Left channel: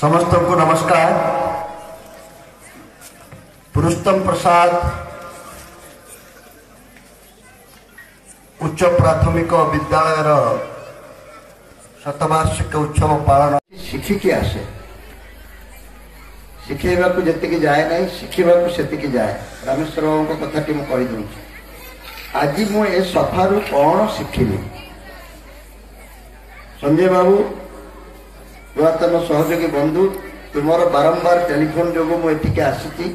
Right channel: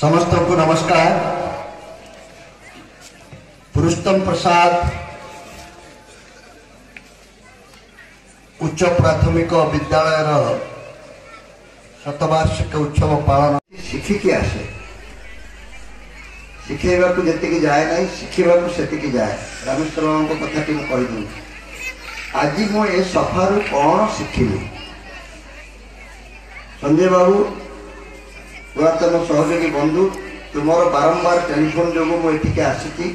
समस्त को नमस्कार। पुरुषोत्तम प्रसाद उच्च प्राथमिक विद्यालय शतवार्षिक उत्सव पालन शिखिकी आसे शिखेवा को जी जाए ना शिखा से जाए रामेश्वर कथा कही आज मुझे सफारू कौन शिखिली संजय बाबू पुरातन सहयोगी बंधु तुम बारंबार टेलीफोन जो मुझे आसी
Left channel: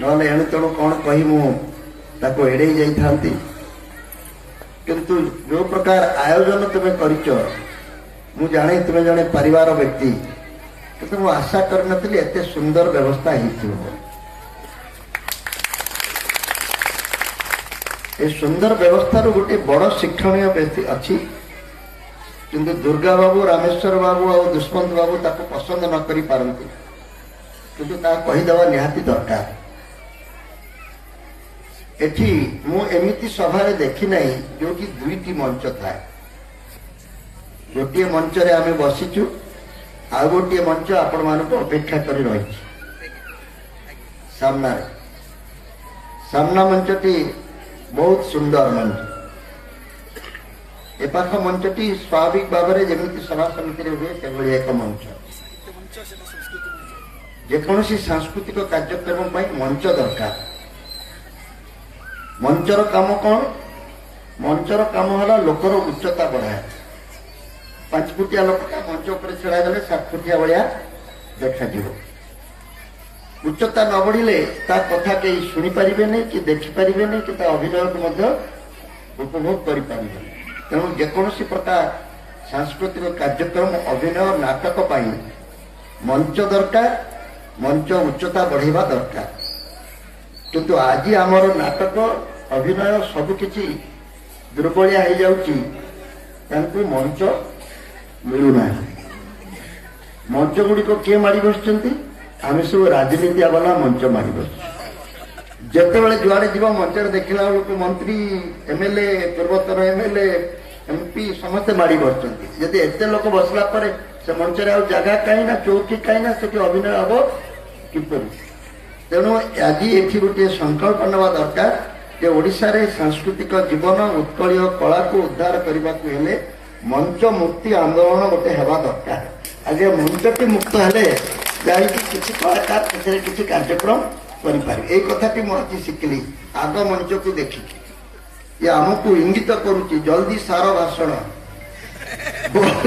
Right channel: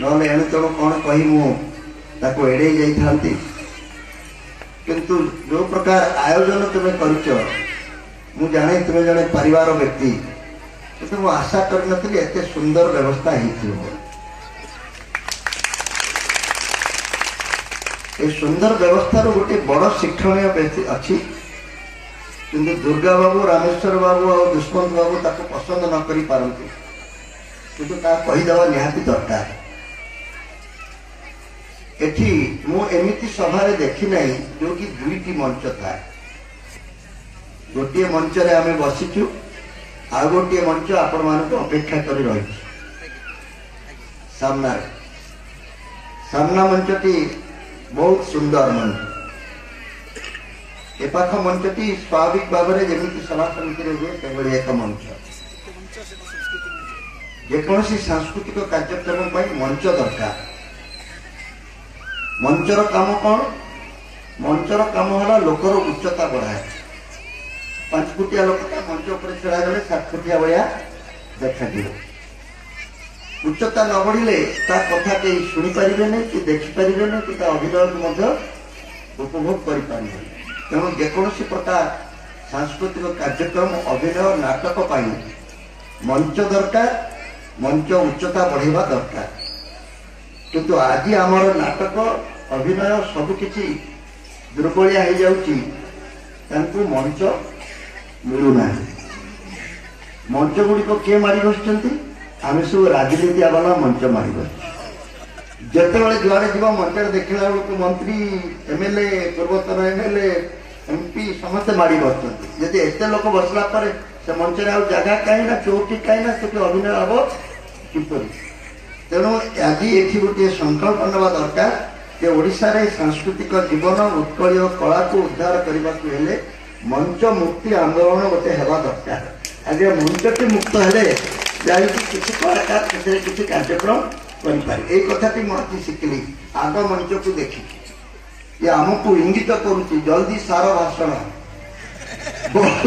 ना एणु तेणु कौन कही मुझे एड़े जाती किंतु जो प्रकार आयोजन तुम्हें कर जाने तुम्हें जड़े परिवार व्यक्ति किंतु मुझे आशा कर एत सुंदर व्यवस्था ये सुंदर व्यवस्था गोटे बड़ शिक्षणीय अच्छी किंतु दुर्गा बाबू रामेश्वर बाबू और दुष्मंत बाबू ताको पसंद न करी पारंतु किंतु कहीदेवा निहाती दरकार एठी मु एमिति सभा देखी नहीं जो कि दुईटी मंच था गोटे मंच रे आमे बसिचु आ गोटे मंच आपण मानको अपेक्षा करी रही सामना मंचटी बहुत सुंदर मंच एपाख मंचटी स्वाभाविक भाव में जमी सभा समिति हुए एक मंच जेकोसी सांस्कृतिक कार्यक्रम पर मंच दरकार मंचर काम कौन मंचर काम है लोकर उच्चता बढ़ाए 5 फुटिया लोकटा मंच पर छड़ा गले 7 फुटिया भाया देखा उच्चता न बढ़िले कथा कहीं शुणी पारे नहीं कि देखिपारे नहीं कि अभिनय उपभोग करें तेणु जेकोसी प्रकार सांस्कृतिक कार्यक्रम अभिनय नाटक पाई मंच दरकार मंच उच्चता बढ़ेवा दरकार किंतु आज आमर नाटक अभिनय सबकि दुर्बलिया हो जाऊँगी मंच मिलूना मंच गुड़िक किए मारी बस आम सब राजनीति वाला मंच मारी बस जिते जुआड़े जीव मंच देखला बेलू मंत्री एमएलए पूर्वतन एमएलए एमपी समस्ते माड़ी बसुँच जदि एत लोक बसला से मंच जगह कहीं चौकी कहीं से अभिनय हम किपर तेणु आज ये गोटे संकल्प ना दरकार कि ओडिशा रे सांस्कृतिक जीवन उत्कल कला को उद्धार करने को हेले मंच मुक्ति आंदोलन गोटे हवा दरकार आज मंचटी मुक्त हेले जाई किसी कलाकार किसी कार्यक्रम करी कथाटी मुझे शिखिली आग मंच को देखी ये आमको इंगित करुच्ची जल्दी सार भाषण बहुत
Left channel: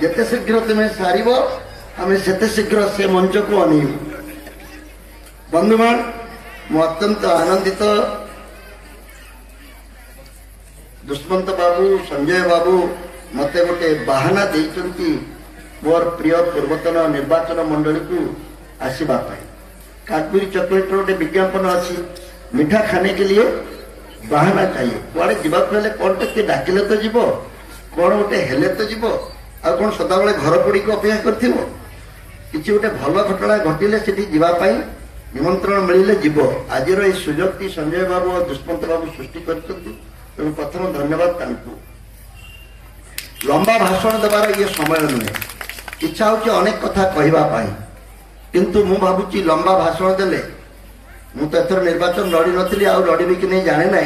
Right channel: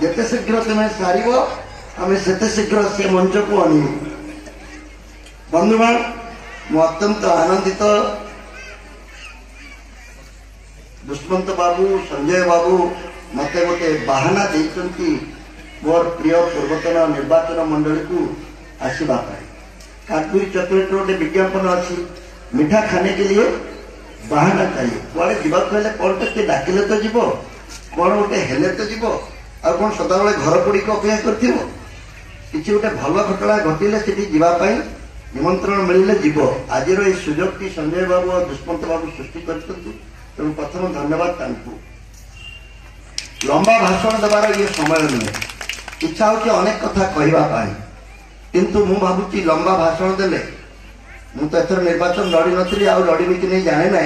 जिते शीघ्र तुम्हें सार आम से शीघ्र से मंच को अनु बंधुगण मु अत्यंत आनंदित दुष्मंत बाबू संजय बाबू मत गोटे बाहाना देती मोर प्रिय पूर्वतन निर्वाचन मंडली को आसवा कादुरी चॉकलेट रोटे विज्ञापन अच्छी मीठा खाने के लिए बहाना चाहिए कुआड़े जीवाक कौन टे डाकिले तो जीव कौन गोटे हेले तो जीव आ कौन सदाबले घर पड़ी को अपेक्षा कर किसी गोटे भल घटना घटिले से जीवाई निमंत्रण मिले जीव आज ये सुजोग टी संजय बाबू और दुष्मंत बाबू सृष्टि कर प्रथम धन्यवाद लंबा भाषण देवार ये समय नुहे इच्छा हो अनेक कथा कहवाई किंतु मु भावुची लंबा भाषण देले मु तो एथर निर्वाचन लड़ी नी आ लड़बी कि नहीं जाने ना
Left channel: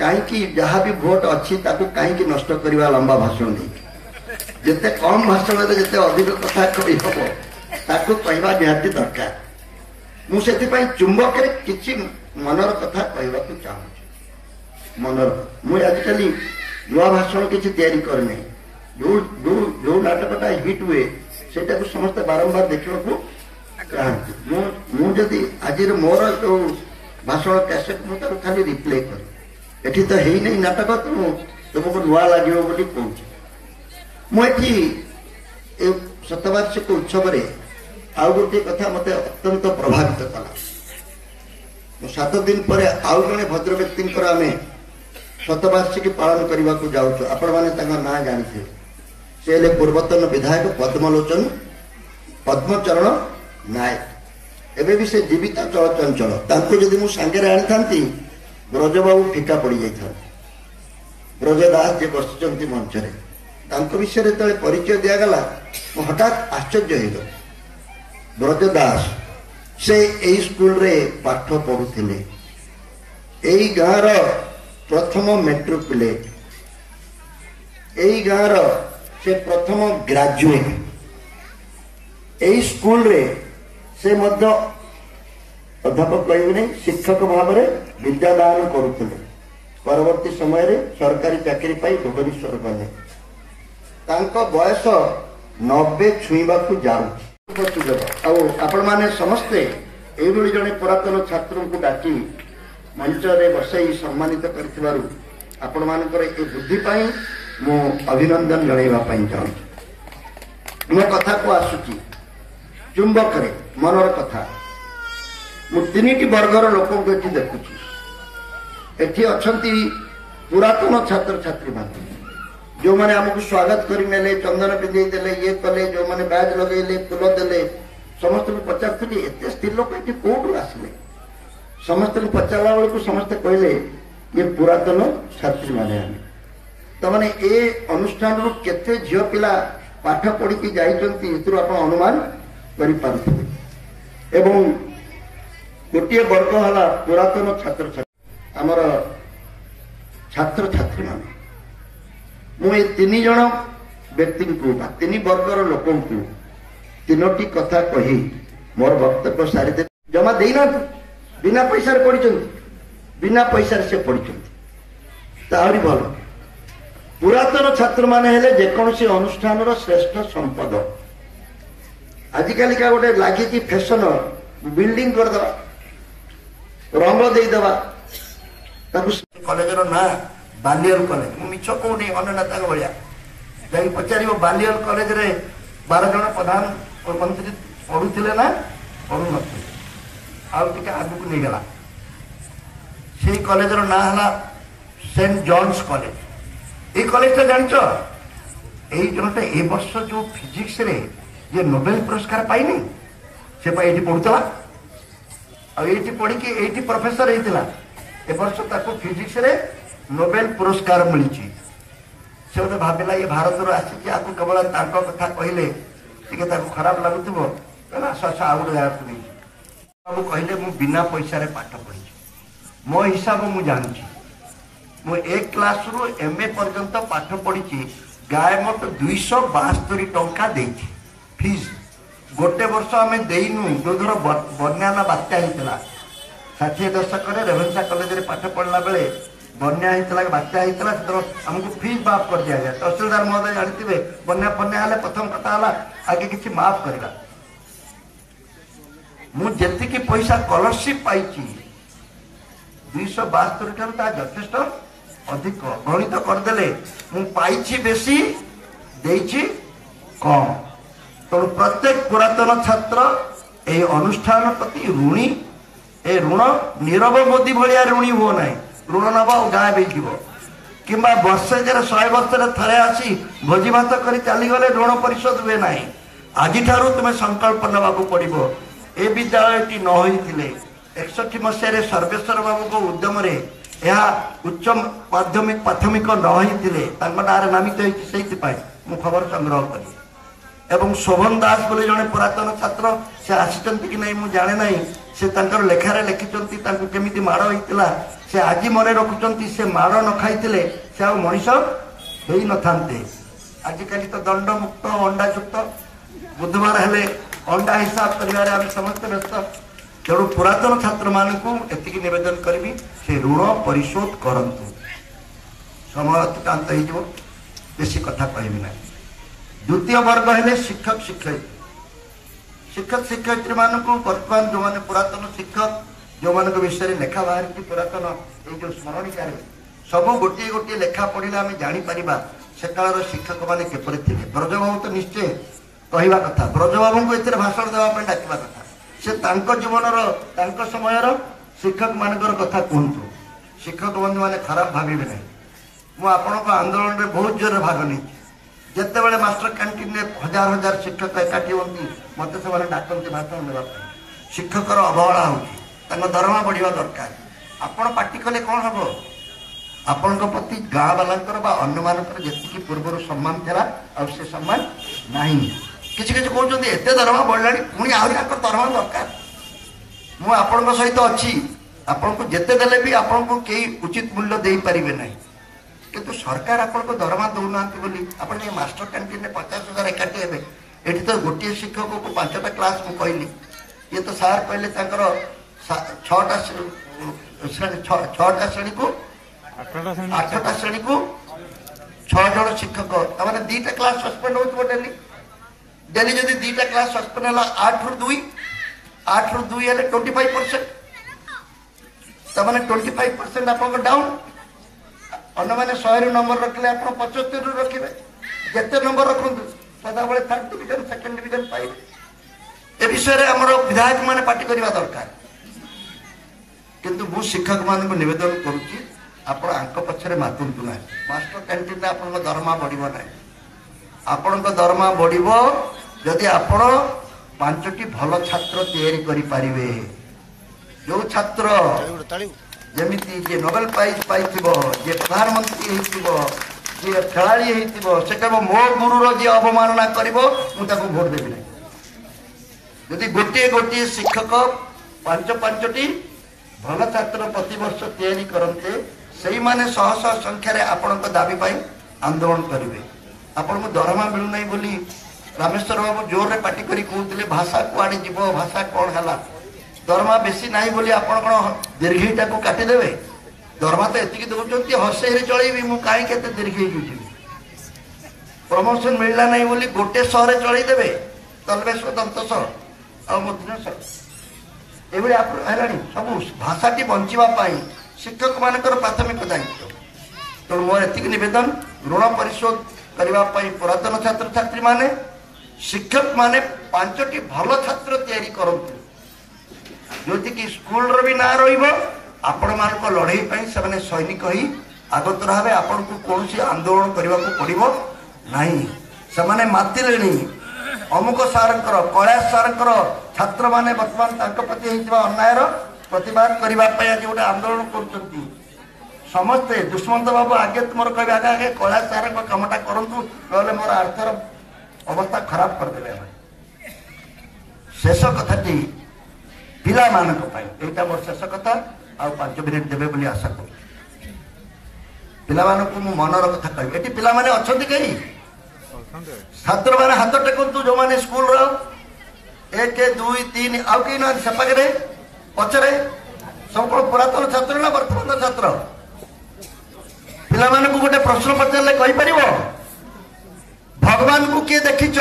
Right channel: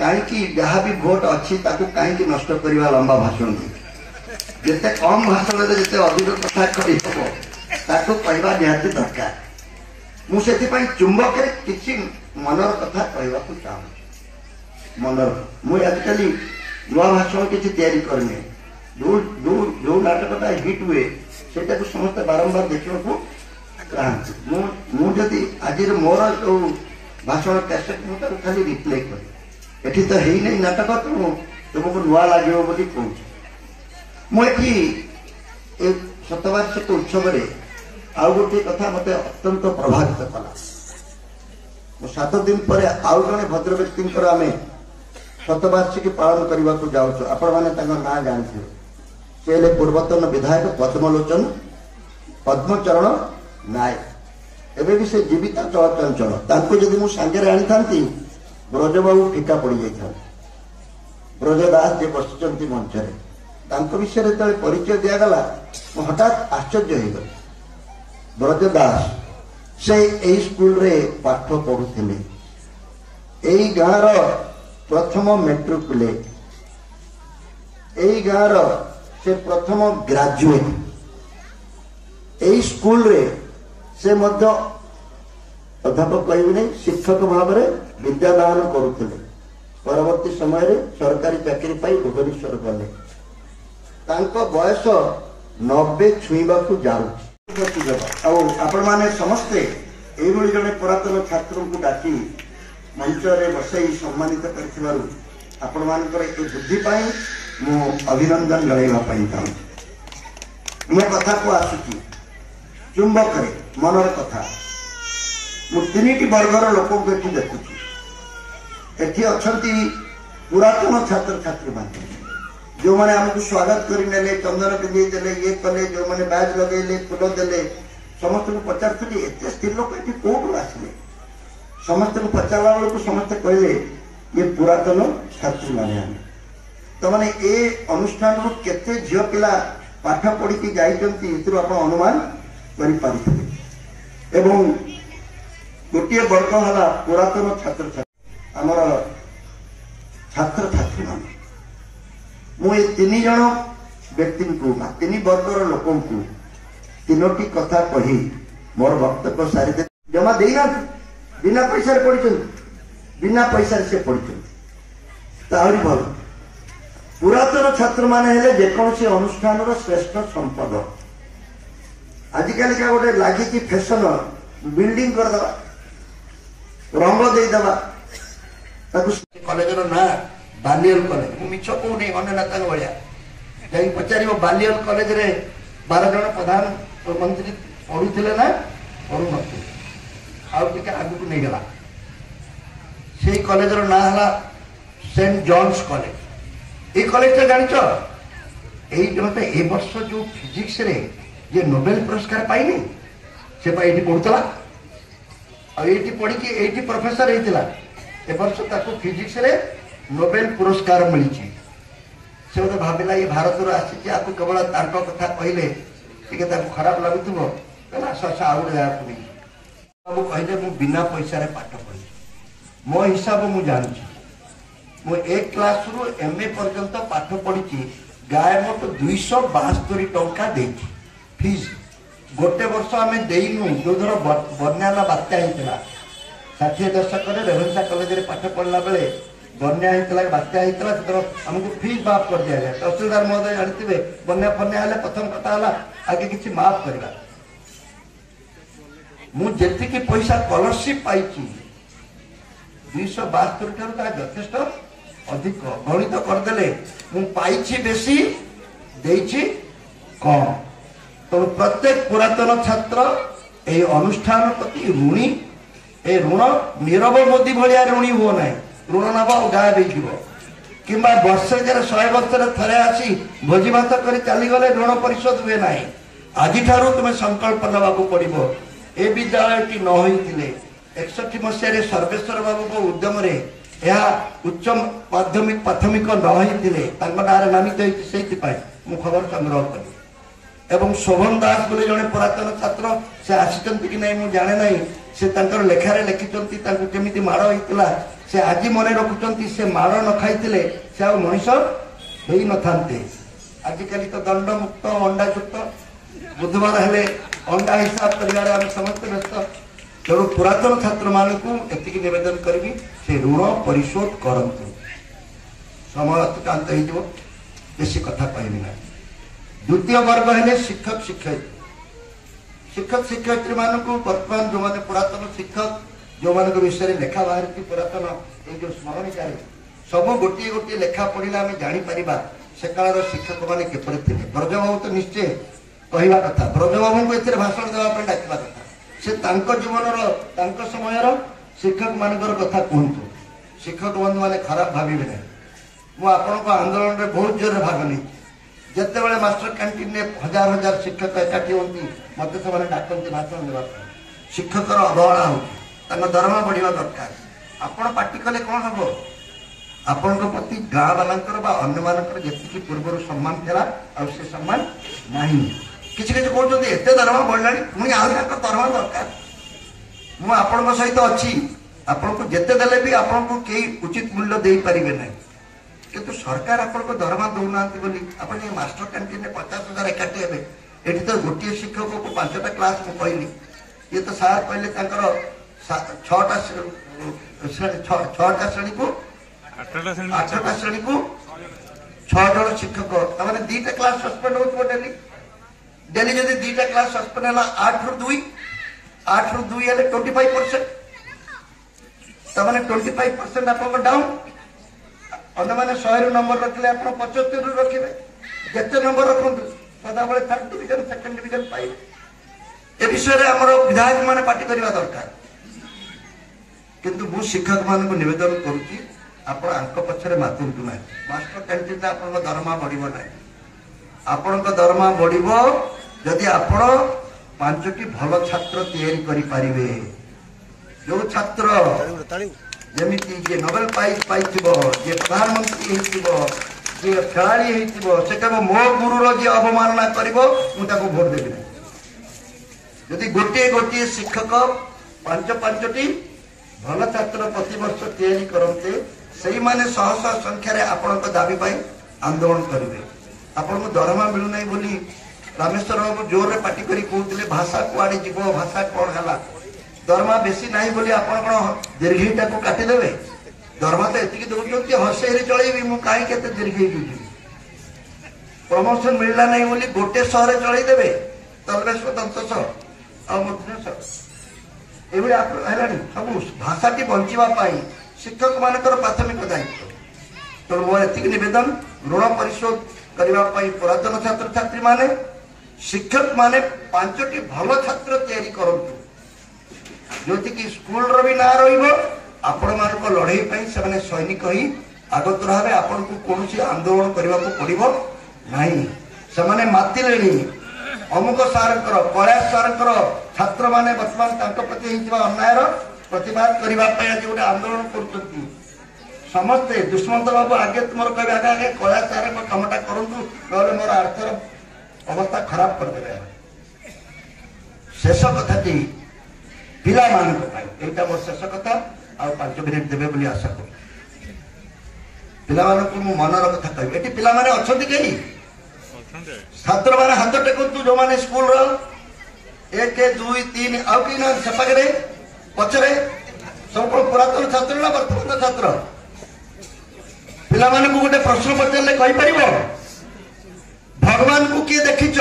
कहीं जहाँ भी भोट अच्छी कहीं नष्ट करवा लंबा भाषण दे जिते कम भाषण दे जिते अधिक कथा कही हम कहवा निहाती दरकार मुझे चुंबक किसी मनर कथा कहवाक चाहूँ मनर मुझे आजिकल नुआ भाषण किसी तैयारी करने जो नाटकटा हिट हुए से समस्त बारंबार देखा चाहती आज मोर जो भाषण कैसेट मुझे खाली रिप्ले कर एठी तो है नहीं नाटक तेणु तुमको नुआ लगे बोली कहूँ मुझे शतवार्षिक उत्सव आउ गोटे कथा मत अत्यंत प्रभावित कला 7 दिन पर आउ जड़े भद्र व्यक्ति आम शतवार्षिकी पालन करने को जाऊँ आपण मैंने ना जानी से पूर्वतन विधायक पद्मचरण नायक एवं भी से जीवित चलचंचल जदि मु सांगे आनी था ब्रजबाबू फिका पड़ जाता ब्रजदास जे बस मंच विषय जो परिचय दिगला हठात आश्चर्य हो ब्रज दास से यही स्कूल रे पाठ पढ़ुले यही गाँव प्रथम मेट्रिकुलेट यही गाँव से प्रथम ग्रेजुएट यही स्कूल रे से मध्य अध्यापक कहबे शिक्षक भाव में विद्यादान करुले परवर्ती समय रे सरकारी चाकरी पाई भुवनेश्वर गले बयस 90 छुईवा जाऊ आपण माने समस्ते एभली जड़े पुरातन छात्र को डाकी मंच में बसई सम्मानित कर आपण मानकर ए बुद्धि मु अभिनंदन जणाइवाई चाहूँ मो कथा को आसुची चुंबक रे मनर कथा मु तीन वर्गर लोक देखुची एठी अछंती पुरातन छात्र छात्री मान जो माने हमको स्वागत करें चंदन पिंधे देले ये कले जो माने बैज लगे फूल देले समस्त को पचार एत स्त्री लोक ये कौटू आसिले समस्त को पचारा बेलू समस्ते कहले ये पुरातन छात्री माने आमे तो माने ए अनुष्ठान रु केते झियो पिला पाठ पढ़ी की जाइचंती एतरु आपण अनुमान करि पारुथिबे एवं गोटे वर्ग हला पुरातन छात्र छात्री आमर छात्र छात्री माने मुझे तीन जन व्यक्ति को तीन वर्गर लोक तीनोटी कथा कही मोर वक्तव्य सारी दे जमा देना बिना पैसा पढ़ी बिना पैसा से पढ़ी भल पुरातन छात्र माने हेले जेकोसी अनुष्ठान श्रेष्ठ संपद आजिकल का गोटे लगी फैशन बिल्डिंग करदे रंग देदेवा कॉलेज ना बालियल कॉलेज मु मिछ कहूनी अन्य नेता भाया जा पचार बालियल कॉलेज रे 12 जन प्रधानमंत्री पढ़ुले ना पढ़ु नथे आगू नहीं गला से कॉलेज ना है सेंट जॉन्स कॉलेज ये कॉलेज जानिच यही जनता ए वर्ष जो फिजिक्स रे जे नोबेल पुरस्कार पाइनी से पढ़ुला आठी पढ़ी ये प्रोफेसर होता ए वर्ष ताको फिजिक्स रे नोबेल पुरस्कार मिली से मत भाविला ये भारत आसी आपको केवल कथा कहले टी खराब लगुव आस आस आउ गए बाबू कहले मु बिना पैसा पाठ पढ़ी मो हिसाब मु जानी मु एक क्लास रु एमए पर्यंत पाठ पढ़ी गाय मत 272 टंका देती फीस गोटे वर्ष आम देनु जो धर बन्या बात्या होता 60 दशक रेभेन्सा कॉलेज रे पाठ पढ़ला बेले बन्या होता बात्या होता आमको फीस माफ कर दिया गया तहसीलदार महोदय जानते बन्या फन्या हेले प्रथम कथा है आगे किसी माफ करवा मुझे पैसा स्कॉलरशिप पाई 272 ठार यथेष्ट अधिक गणित करदे मुझे बेसी देछि कम तेणु प्रत्येक पुरातन छात्र ये अनुष्ठान प्रति ऋणी ए ऋण नीरव मोदी भाया ऋणी हो ना ऋण नब गायब हो कि वर्षे 100 वर्ष थे आसी भोजी भात कर चलीगले ऋण परिशोध हुए ना आज तुम्हें संकल्प नवा पड़ो ए विद्यालय न होते 61 मसीह सर्वेश्वर बाबू को उद्यम उच्च माध्यमिक प्राथमिक न होते नारे नामित होती मु खबर संग्रह कली एवं शोभन दास बोले जड़े पुरातन छात्र से आसी कि नहीं मुझे जाने ना से लेखार लिखिं केमी माड़ होता से आज मन रखुंट से माड़ न खाई से आ मनीष हो न था आजिकल तो दंड मुक्त अंडा युक्त बुधवार हेले अंडा हिसाब कर समस्त व्यस्त तेणु पुरातन छात्र मानक एति निवेदन करी से ऋण परिशोध करंतु समय अतिक्रांत हो बेसी कथा कहबी ना द्वितीय वर्ग है शिक्षक शिक्षयित्री मानक बर्तमान जो मैंने पुरातन शिक्षक जो मान विषय लेखा बाहर पुरातन ये स्मरणिका सब गोटे गोटे लेखा पढ़ले आम जापर से काल शिक्षक मैंने किपर थे ब्रजबाबू तो निश्चय कहवा कथा ब्रजबाबू को ए भाषण देवाई डाकवा कथा से जीवन समय शिक्षक मानकर कथा कहतु शिक्षक बंधु मैंने खराब भावे ना मुझे आंदोलन में बहुत जोर भाग नहीं जिते बड़े मास्टर कैंटीन में हजार हजार शिक्षक एकाठी होती मत से डाकती भाषण देवा शिक्षकर अवहेला होती दरमा बढ़िया दरकार आपण पार्टी कले कौन हम आपण प्रति गाँ वालांकर अन्य मानकर जी पूर्व सम्मान था से सम्मान नहीं किसी किसी कहते एत दरमा बढ़ला पुणी आहरी दरमा दरकार मुझे सहित अच्छी आपन को जिते देले भी आपन को कई उचित मूल्य दे पारिबे नहीं किंतु सरकार आपन को दरमा दौना बोली आपन मास्टर कैंटीन में 50,000 एकाठी हे एठी तो गोटे शिक्षक को 5टा क्लास में कहली ये तो सार कहले 6टा श्रेणी को 8टा श्रेणी को 6 जन शिक्षक तमाने 2टा क्लास सस्पेंड हो डेली डेली जदि 2टा क्लास सस्पेंड है 8 रु 2 हेले 25% तमाने 25% आपको डाउन अन्य मैंने 100 नंबर रखले आप 75 रखिए जिते नंबर रखु सदाबले 3rd डिविजन 2nd डिविजन पाइबे ए विषय आम विधायक मैंने पार्टी करवा दरकार किंतु मु शिक्षक मान को निवेदन करुच्ची आप पछरे मातुंतु ना मास्टर कैंटीन आप दरमा बढ़ ना आपण दरमा बढ़ जदि आपण 5टी भल छात्र तैयारी करि पारिबे जो छात्र जमीती जे नोबेल प्राइज पाई जे प्रधानमंत्री जे खेलाड़ी से कह मो गुरुर जी अवमानना कर भोट देवी जदि गोटे गोटे शिक्षक 5-5टी भल छात्र प्रतिवर्ष तैयारी करते से माने शह शह संख्यार आपण दाबी आंदोलन करेंगे आपण दरमा मिलूना बोली रामेश्वर बाबू जोर रे पार्टी करी कहते भाषा कुआड़े जीव भाषा कौन है दरमा बेसी नहीं बोली आपण कौन दीर्घईटा को काटिदेवे दरमा तो एति दौरान हसे चलैबी मुझे कहीं दीर्घई प्रमोशन मिलला नहीं बोली गोटे शहर चलईदेवे तलवेश्वर दंतस ये सब भाषाटी बचापी शिक्षक मान प्राथमिक दायित्व तेणु मोर एति नवेदन ऋण परिशोध करने पुरातन छात्र छात्री माने शिक्षक माने 5टी भल छात्र तैयारी करंतु जोति कि स्कूल रो भी ना रहिबो आपण मान लड़ाई से सैनिक ही आगत रहे आपण को कौन आंदोलन करने को पड़ो नहीं से माति अमुक सार कैलाश सार छात्र माने बर्तमान प्रति अन्याय प्रतिवाद करने आज गोटे आंदोलन कर समस्ते दुष्मंत बाबू आगे तुम कह आगे कैलाश सार कामटा करूँ ना मोर आर्थर अवस्था खराब करदे शेष कथाटी पिला यहाँ मोर शेष कथा आ 5 मिनिट देवे बोली आशा कर पिला मनर कथा कह ये पिला अच्छा कहीं छात्र मैंने हाथ टेकु जो मैंने स्कूल 1 2 3 आउ कहीं ना सेपाखे पचरे सब कौन पुरातन छात्र ना वर्तमान छात्र पिला गोटे प्रश्न पचारे कहीपर भगवान को किए देखिच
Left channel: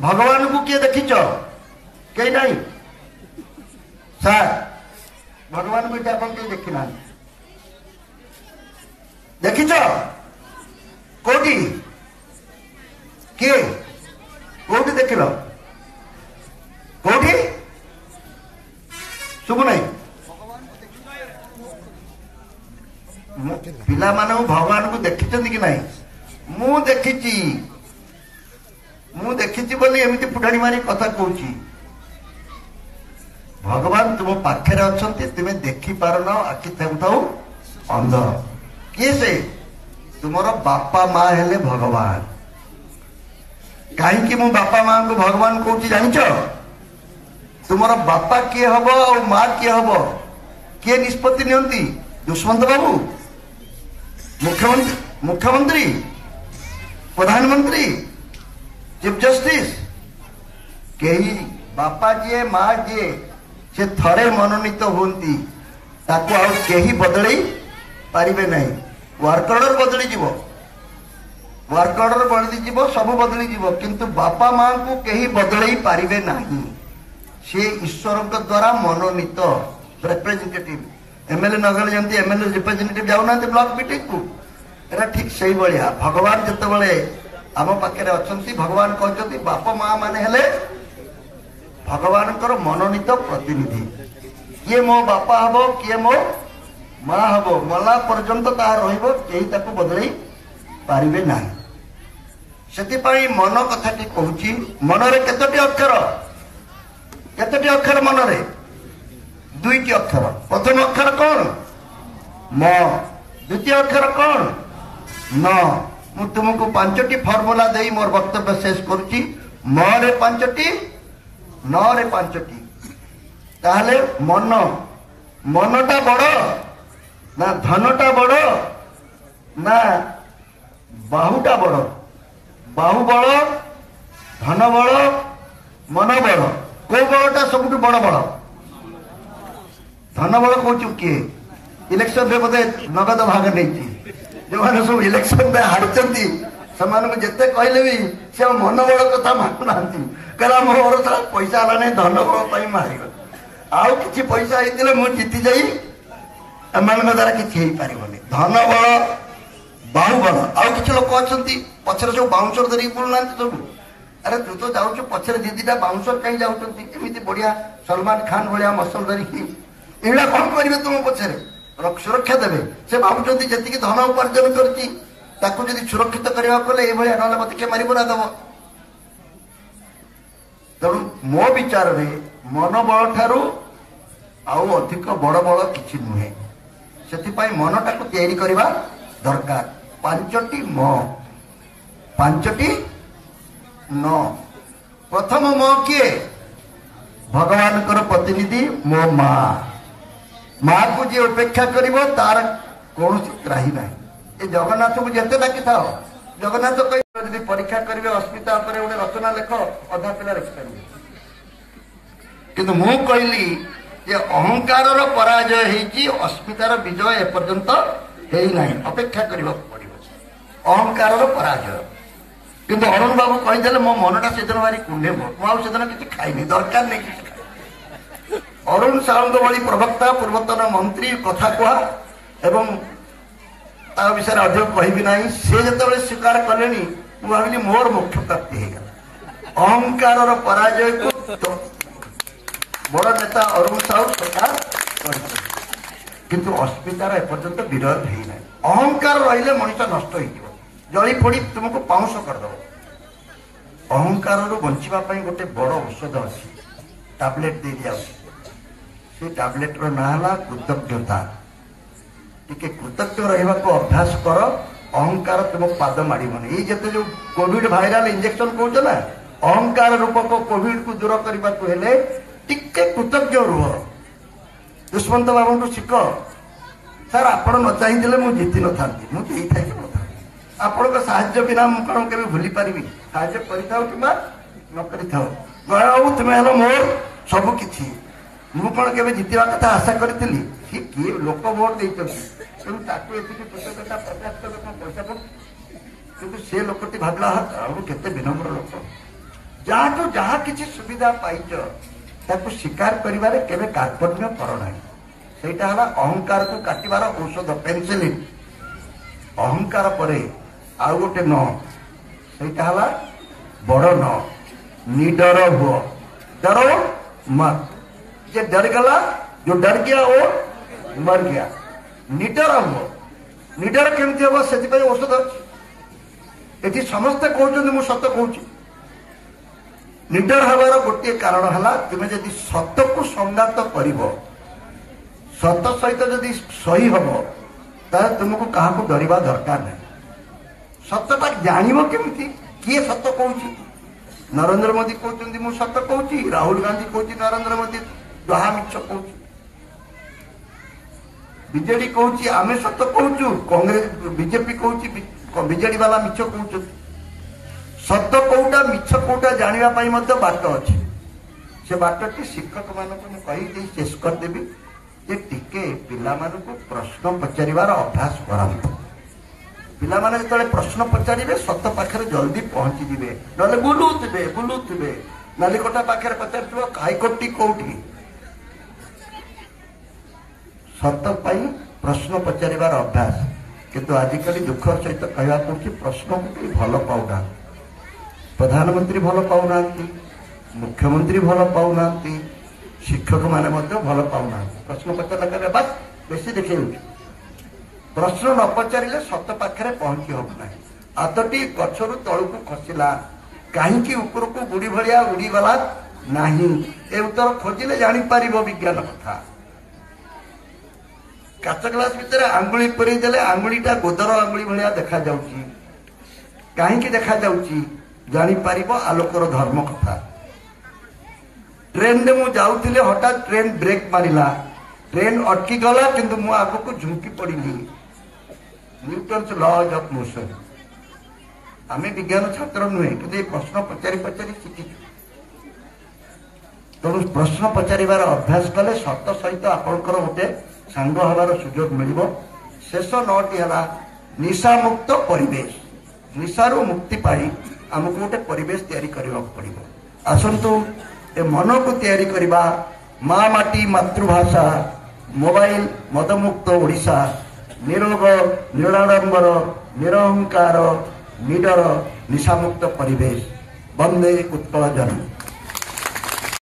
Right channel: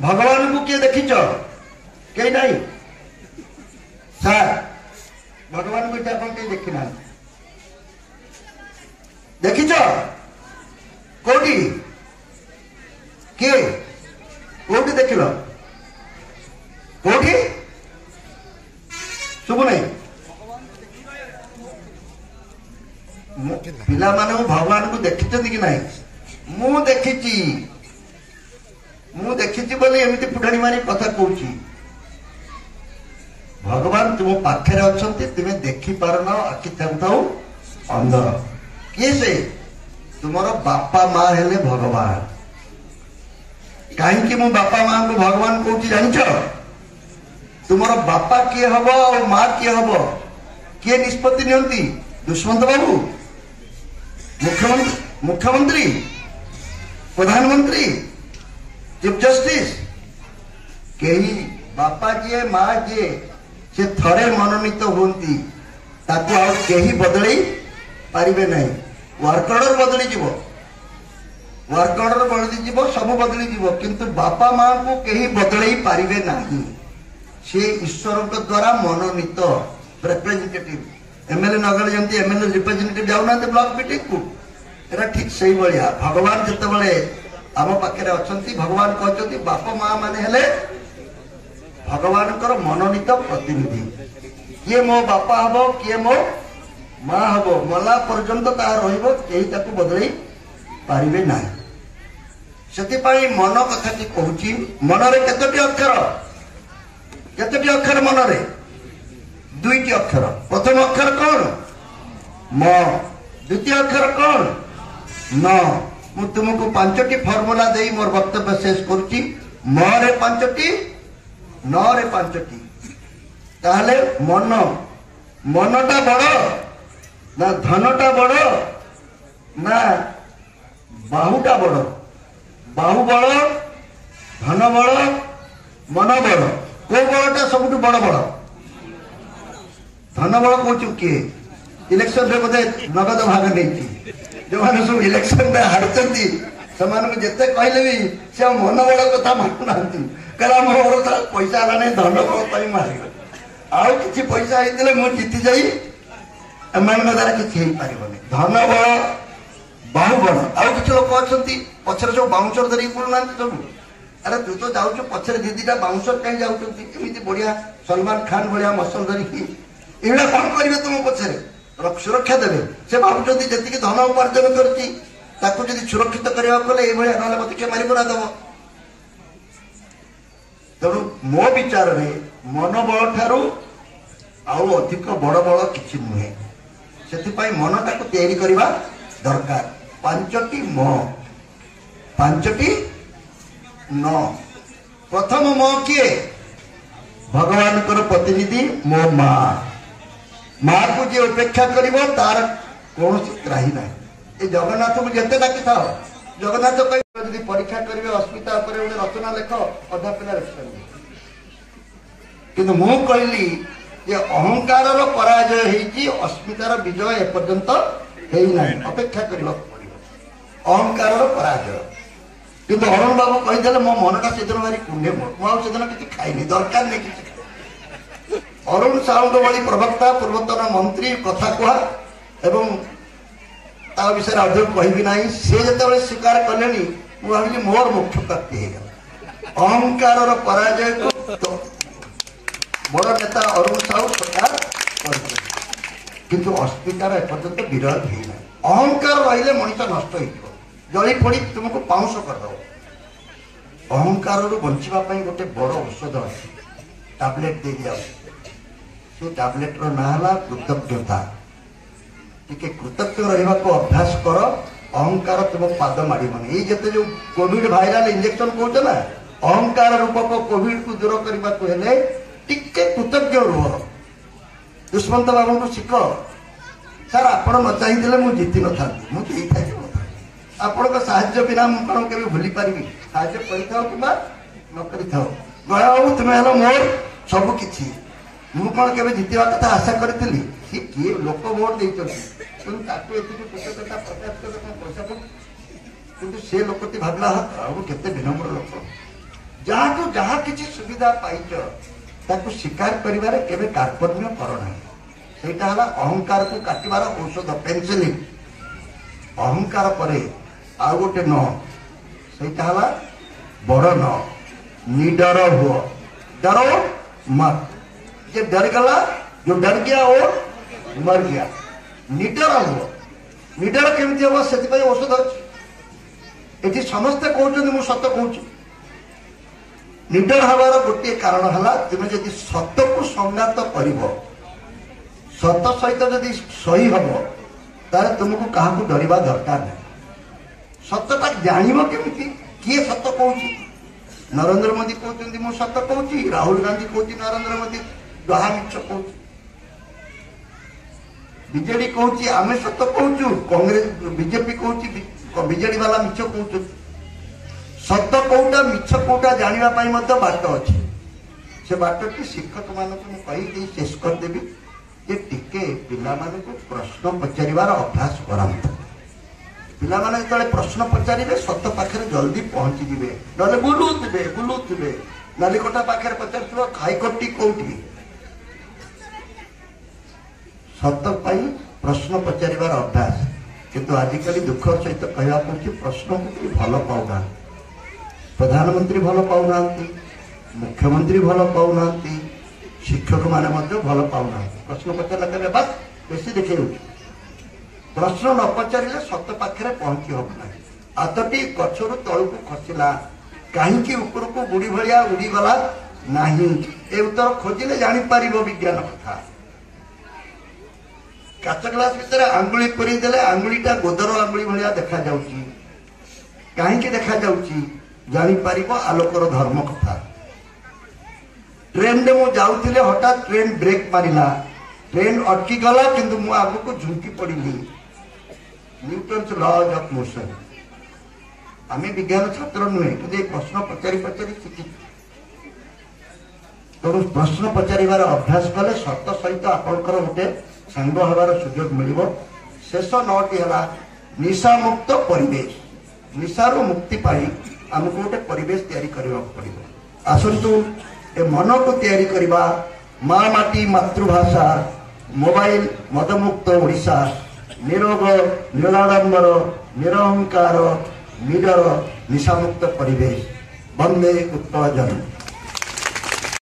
भगवान को किए देखिच कहीं नहीं सार भगवान को आप देखना देखिच कौटी किए कौटी देख कौटी शुभ नहीं पिला माने भगवान को देखी कि नहीं मु देखी बोली एमती फुटाणी मारी कथा कहूँ भगवान तुम पाखे अच्छा तुम्हें देखी पारन आखि थाऊ अंध किए से तुमर बापा माँ हेले भगवान कहीं मु बापा माँ को भगवान कहूँ जानिच तुमर बापा किए हम और माँ किए हम किए निष्पत्ति नियंती दुष्मंत बाबू मुख्यमंत्री प्रधानमंत्री चीफ जस्टिस कहीं बापा जी माँ जी से थरे मनोनीत होती कहीं बदल पारे ना वर्क ऑर्डर बदली जीव वर्क ऑर्डर बदली जीव सब बदली जीव किंतु बापा माँ को कहीं बदल पारे ना सी ईश्वर द्वारा मनोनीत रिप्रेजेंटेटिव एमएलए नगल जमी एमएलए रिप्रेजेंटेटिव जाऊना ब्लॉक मीटिंग को एरा ठीक से भाया भगवान जिते आम पाखे अच्छा भगवान कहते बापा माँ माने हेले भगवान मनोनीत प्रतिनिधि किए मो बापा हम किए मो माँ हम मला पर्यंत कहीं बदल पारे ना से मन कथाटी कहूँ मनरे केतोटी अक्षर मनरे दुईटी अक्षर प्रथम अक्षर कौन म द्वितीय अक्षर कौन न मु तुमको 5टी फर्मुला दे मोर वक्तव्य शेष करुच्ची म रे 5टी न रे 5टी ताहले मन मनटा बड़ ना धनटा बड़ ना बाहुटा बड़ बाहु बड़ धन बड़ मन बड़ को बड़टा सब बड़ बड़ धन बड़ कौचु किए इलेक्शन रे बोधे नगद भाग नहीं जो मैंने सब इलेक्शन में हारती से जिते कहले भी से मन बड़ कथा मानुना कहला मोर पैसा है नहीं धन बड़ मार आउ कि पैसा होते मुझे जीति जाई एम द्वारा किसी धन बड़ बाहु बड़ आउ कि लोक अच्छा पचर जो बाउंसर धरिक बुलूना सब अरे तू तो जाऊ पचर दीदीटा बाउंसर कहीं जाऊँगी बढ़िया सलमान खान भाया मसल धरिकी एड़ा कौन करेंगे तुम पचर सुरक्षा देवे से भावुंट जी धन उपार्जन कर सुरक्षित करने ना मत किए मारिबना दब तेणु मो विचार में मनोबल ठारू आउ अधिक बड़ बड़ किसी नुहे से मनटा को तैयारी करवा दरकार 5टी म 5टी न प्रथम म किए भगवान प्रतिनिधि मो माँ को जी उपेक्षा कर तार कौन त्राही ना ये जगन्नाथ को जिते डाकी था जगन्नाथ कह परीक्षा करेंगे अस्मिता गोटे रचना लेख अधा पिला लिखिपारे किंतु मु कहली अहंकार पराजय होती अस्मितार विजय एपर्यंत अपेक्षा करने पड़ो अहंकार पराजय किंतु अरुण बाबू कहीदे मो मनटा से दिन भारी कुंडे मुझे किसी खाईनी दरकार नहीं किसी अरुण साहू भली प्रवक्ता पूर्वतन मंत्री कथा कह एवं ता विषय अधिक कहबी ना से जो स्वीकार कले भाविली मोर मुख्य प्राप्ति होगा अहंकार पराजय को तो बड़ नेता अरुण साहू स्वीकार किंतु अस्मितार एपर्यंत विरोध होना अहंकार रही मनुष्य नष्ट हो जली पड़ी तुमको पाउंस करद अहंकार बचापी गोटे बड़ औषध अच्छी टैबलेट दे दिया से टैबलेट ना कृतज्ञता टिके कृतज्ञ रहा अभ्यास कर अहंकार तुम पाद माड़न ये जिते जो कोविड भाइराल इंजेक्शन कौन ना अहंकार रूपक कोविड को दूर करने को टिके कृतज्ञ रुह दुष्मंत बाबू को शिख सर आप न चाहिए मुझे जीति न था मुझे आपण साहाଯ୍य बिना कौन के भूली पारि साहाଯ୍य कर तुम्हें मोर सबकि मु कौन के जीतवा कथा आशा करी किए लोक भोट देते कि से लोकटी भावला केते विनम्र लोक जहाँ जहाँ किसी सुविधा पाइच ताकू स्वीकार करिबारे केबे कार्पण्य करना सेटा हला अहंकार को काटिबार औषध पेंसिलिन अहंकार परे आउ गोटे न सेटा हला बड़ न निडर हुओ डरो मत जे डर गला जो डर गया वो मर गया निडर हुओ निडर केमती हम से औषध ये समस्ते कहते मुझे सत कहूँ निडर हबार गोटे कारण है तुम्हें जदि सत को संघात कर सत सहित जदि सही हम तार तुमको क्या डरवा दरकार नहीं सतटा जान केमी किए सत कहूँ नरेंद्र मोदी कहते मुझे सत कहूँ राहुल गांधी कहते नरेंद्र मोदी जहा मिछ कहूँ बीजेडी कहूँ आम सत कहूँ कांग्रेस बीजेपी कहूँ बीजेडी वाला मिछ कहूँ सत कौटा मिछ कौटा जानापी बाट अच्छी से बाटी शिक्षक मानक कही शेष करदेवी जे टिके पिला प्रश्न पचार अभ्यास करांतु पिला माने जो प्रश्न पचारे सत पाखे जल्दी पहुंची जिवे ना बुलूवे नालिकोटा पाखे पचार हाईकोर्ट कौटी सत प्रश्न पचार अभ्यास किंतु आजिकल दुख सहित कहवा पड़े प्रश्न को भल पाऊना प्रधानमंत्री भल पाऊना मुख्यमंत्री भल पाऊना शिक्षक माने भल पाऊना प्रश्न पचार बस बेसी देखे प्रश्न न पचारे सत पाखे पहुंची हम ना आतटी गचर तलू खसला कहीं ऊपर को बुढ़ी भाया उड़ीगला ना ए उत्तर खोजिले जापर विज्ञान कथा काच ग्लास भितर आंगुली पूरी देले आंगुलीटा गोदर आंगुली भाया देखा जाउची कहीं देखा जाउची जानी पारिबो आलोकर धर्म कथा। ट्रेन रे मु जाउथिले हठात ट्रेन ब्रेक मारिला ट्रेन अटकी गला किंतु मु आगो को झुंकी पड़िली न्यूटन्स लॉज ऑफ मोशन। आमे विज्ञान छात्र नुहे कि प्रश्न पचारि पचारि शिखी तेणु प्रश्न पचारिबार अभ्यास कले सत सहित आपणकर गोटे सांग हबार सुजोग मिलिबो। शेष 9टी हला निशा मुक्त परिवेश। निशारू मुक्ति पाई आमको गोटे परिवेश तैयारी करबा पड़िबो। आसंतु ए मन को तैयारी करबा माँ माटी मातृभाषा मोबाइल मदमुक्त ओडिशा निरोग निराडंबर निरहंकार निडर निशामुक्त परिवेश। वंदे उत्कल जननी।